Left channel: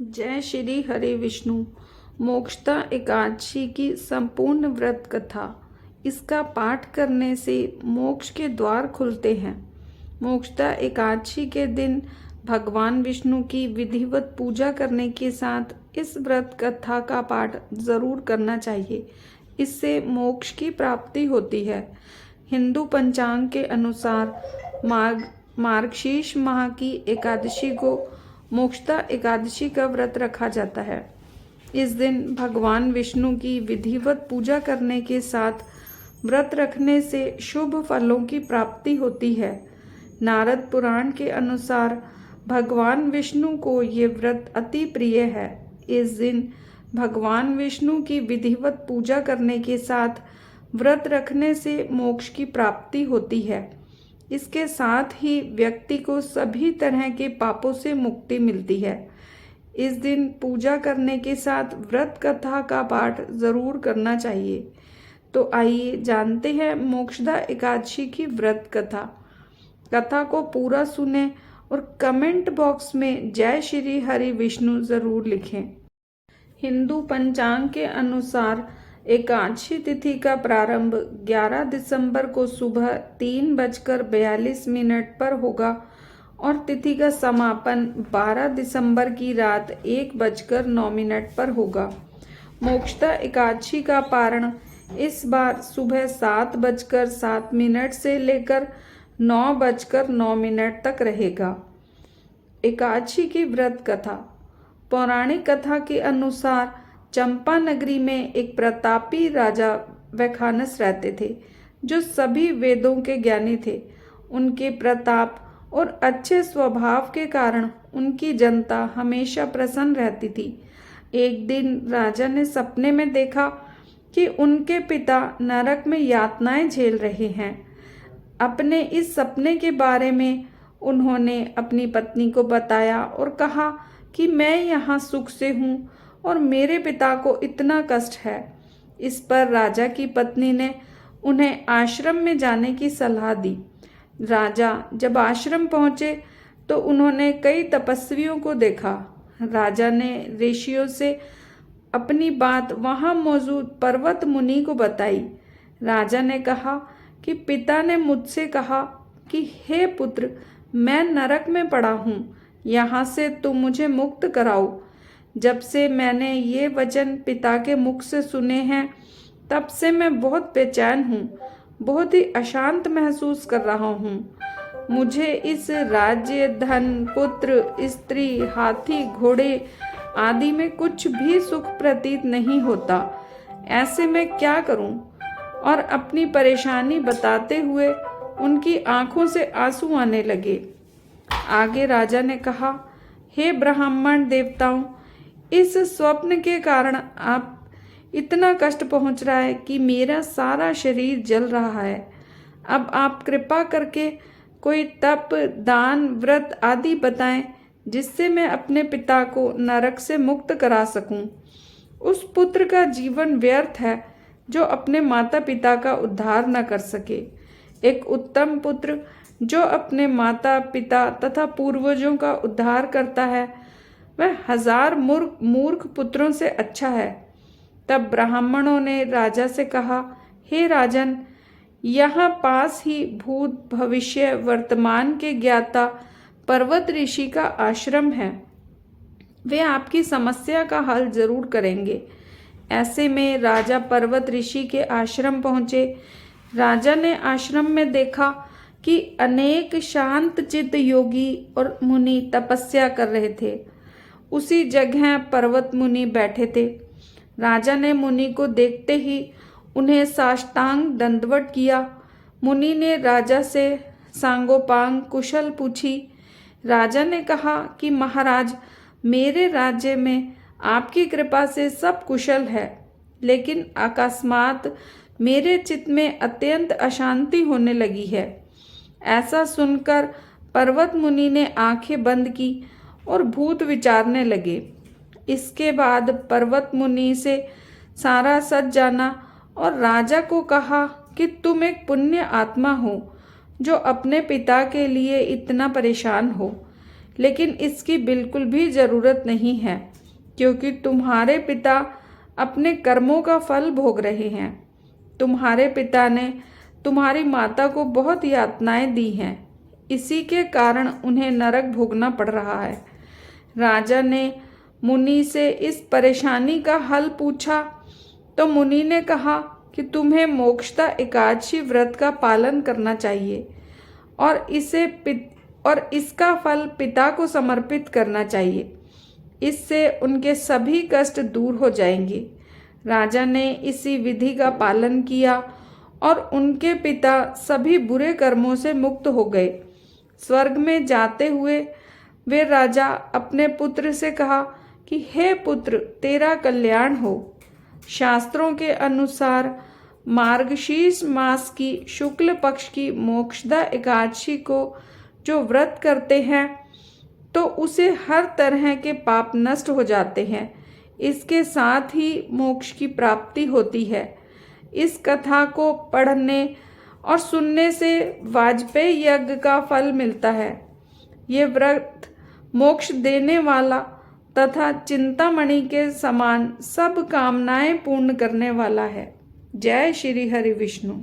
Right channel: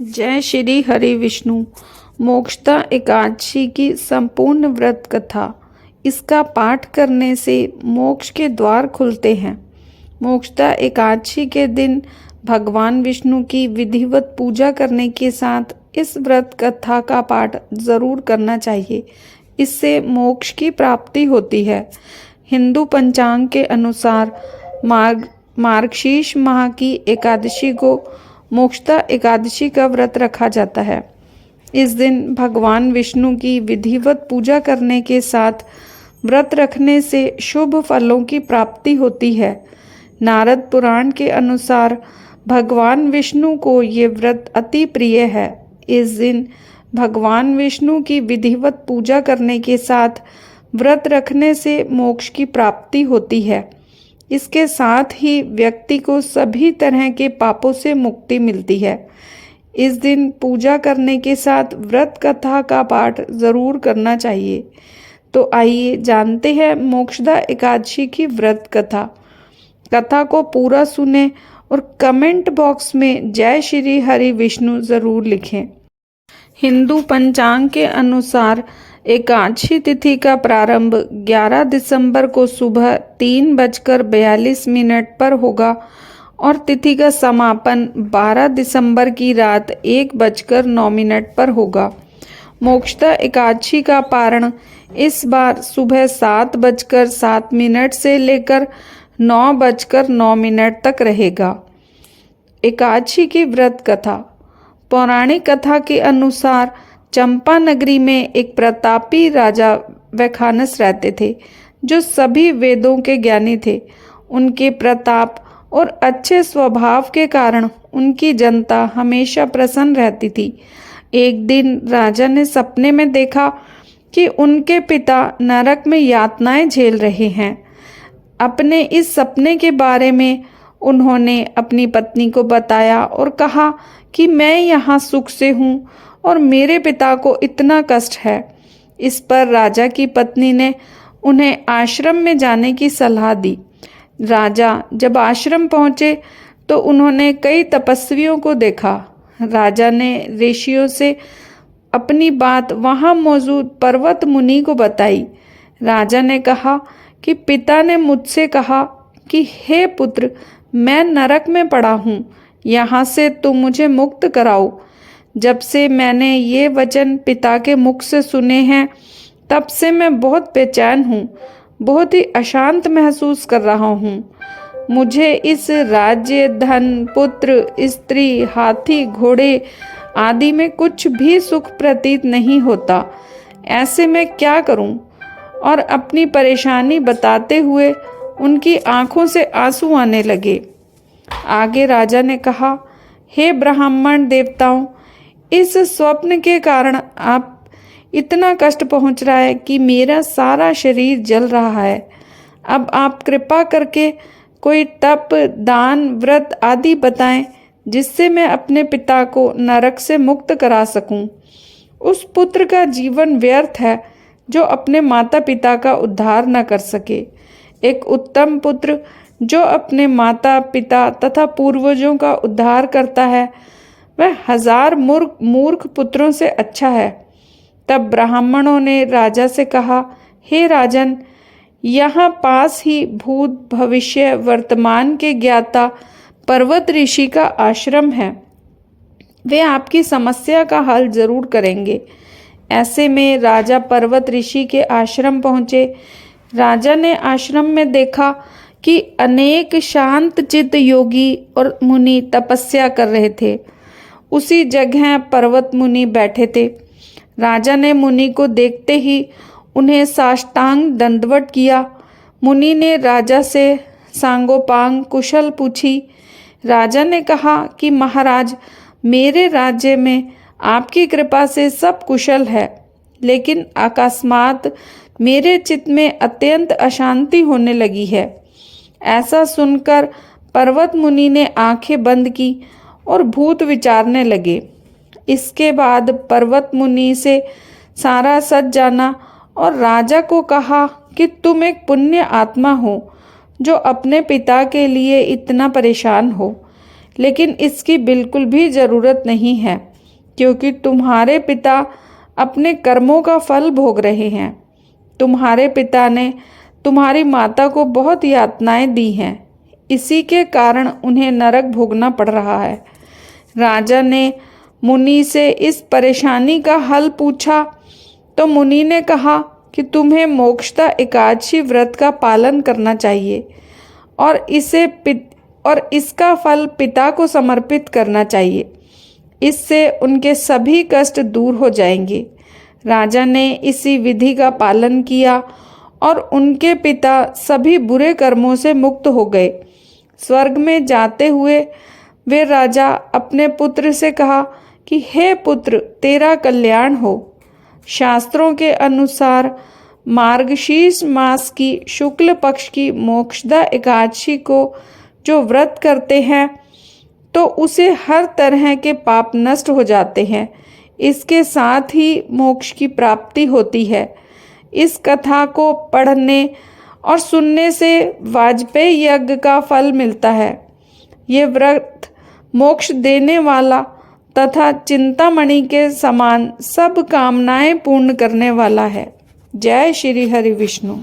जय श्री हरि विष्णु। मोक्षदा एकादशी की संपूर्ण व्रत कथा। इसका पाठ करने से मोक्ष के द्वार खुलते हैं। मोक्षदा एकादशी के दिन भगवान विष्णु की विधिवत पूजा करने के साथ इस व्रत कथा का पाठ जरूर करना चाहिए। इससे मोक्ष की प्राप्ति होती है। हिंदू पंचांग के अनुसार मार्गशीर्ष माह की एकादशी को मोक्षदा एकादशी का व्रत रखा जाता है। इस दिन भगवान विष्णु की विधिवत पूजा करने के साथ व्रत रखने से शुभ फलों की प्राप्ति होती है। नारद पुराण के अनुसार भगवान विष्णु को ये व्रत अति प्रिय है। इस दिन भगवान विष्णु की विधिवत पूजा करने के साथ व्रत रखने से मोक्ष की प्राप्ति होती है। इसके साथ ही व्यक्ति को सभी तरह के पापों से मुक्ति मिलती है। इस दिन पूजा करने के साथ व्रत कथा का पाठ जरूर करना चाहिए। तो आइए जानते हैं मोक्षदा एकादशी की व्रत कथा। कथा को पूरा सुने और कमेंट बॉक्स में जय श्री हरि विष्णु जरूर लिखें। हिंदू पंचांग के अनुसार एकादशी तिथि का प्रारंभ 11 दिसंबर को सुबह 3:42 पर होगा और तिथि का समापन 12 दिसंबर की रात 1:09 पर होगा। मोक्षदा एकादशी का पारण इस बार सुबह 7:07 से लेकर 9:09 तक रहेगा। एकादशी की व्रत कथा। पौराणिक कथा के अनुसार चंपा नगरी में एक प्रतापी राजा वैखानस रहते थे, जो सभी वेदों के ज्ञानी थे। उनके प्रताप और अच्छे स्वभाव के कारण उनकी जनता हमेशा प्रसन्न रहती थी। एक दिन राजा ने सपने में देखा कि उनके पिता नरक में यातनाएं झेल रहे हैं। अपने इस सपने के बारे में उन्होंने अपनी पत्नी को बताया और कहा कि मैं यहाँ सुख से हूँ और मेरे पिता को इतना कष्ट है। इस पर राजा की पत्नी ने उन्हें आश्रम में जाने की सलाह दी। राजा जब आश्रम पहुँचे तो उन्होंने कई तपस्वियों को देखा। राजा ने ऋषियों से अपनी बात वहाँ मौजूद पर्वत मुनि को बताई। राजा ने कहा कि पिता ने मुझसे कहा कि हे पुत्र, मैं नरक में पड़ा हूँ, यहाँ से तुम मुझे मुक्त कराओ। जब से मैंने ये वचन पिता के मुख से सुने हैं, तब से मैं बहुत बेचैन हूँ, बहुत ही अशांत महसूस कर रहा हूँ। मुझे इस राज्य, धन, पुत्र, स्त्री, हाथी, घोड़े आदि में कुछ भी सुख प्रतीत नहीं होता। ऐसे में क्या करूँ? और अपनी परेशानी बताते हुए उनकी आंखों से आंसू आने लगे। आगे राजा ने कहा, हे ब्राह्मण देवताओं, इस स्वप्न के कारण आप इतना कष्ट पहुंच रहा है कि मेरा सारा शरीर जल रहा है। अब आप कृपा करके कोई तप, दान, व्रत आदि बताएं, जिससे मैं अपने पिता को नरक से मुक्त करा सकूं। उस पुत्र का जीवन व्यर्थ है जो अपने माता पिता का उद्धार न कर सके। एक उत्तम पुत्र जो अपने माता पिता तथा पूर्वजों का उद्धार करता है, वह 1000 मूर्ख पुत्रों से अच्छा है। तब ब्राह्मणों ने राजा से कहा, हे राजन, यहाँ पास ही भूत, भविष्य, वर्तमान के ज्ञाता पर्वत ऋषि का आश्रम है। वे आपकी समस्या का हल जरूर करेंगे। ऐसे में राजा पर्वत ऋषि के आश्रम पहुँचे। राजा ने आश्रम में देखा कि अनेक शांत चित्त योगी और मुनि तपस्या कर रहे थे। उसी जगह पर्वत मुनि बैठे थे। राजा ने मुनि को देखते ही उन्हें साष्टांग दंडवत किया। मुनि ने राजा से सांगोपांग कुशल पूछी। राजा ने कहा कि महाराज, मेरे राज्य में आपकी कृपा से सब कुशल है, लेकिन अकस्मात मेरे चित्त में अत्यंत अशांति होने लगी है। ऐसा सुनकर पर्वत मुनि ने आंखें बंद की और भूत विचारने लगे। इसके बाद पर्वत मुनि से सारा सच जाना और राजा को कहा कि तुम एक पुण्य आत्मा हो जो अपने पिता के लिए इतना परेशान हो। लेकिन इसकी बिल्कुल भी ज़रूरत नहीं है, क्योंकि तुम्हारे पिता अपने कर्मों का फल भोग रहे हैं। तुम्हारे पिता ने तुम्हारी माता को बहुत यातनाएं दी हैं, इसी के कारण उन्हें नरक भोगना पड़ रहा है। राजा ने मुनि से इस परेशानी का हल पूछा तो मुनि ने कहा कि तुम्हें मोक्षदा एकादशी व्रत का पालन करना चाहिए और इसका फल पिता को समर्पित करना चाहिए। इससे उनके सभी कष्ट दूर हो जाएंगे। राजा ने इसी विधि का पालन किया और उनके पिता सभी बुरे कर्मों से मुक्त हो गए। स्वर्ग में जाते हुए वे राजा अपने पुत्र से कहा कि हे पुत्र, तेरा कल्याण हो। शास्त्रों के अनुसार मार्गशीर्ष मास की शुक्ल पक्ष की मोक्षदा एकादशी को जो व्रत करते हैं तो उसे हर तरह के पाप नष्ट हो जाते हैं। इसके साथ ही मोक्ष की प्राप्ति होती है। इस कथा को पढ़ने और सुनने से वाजपेयी यज्ञ का फल मिलता है। ये व्रत मोक्ष देने वाला तथा चिंतामणि के समान सब कामनाएं पूर्ण करने वाला है। जय श्री हरि विष्णु।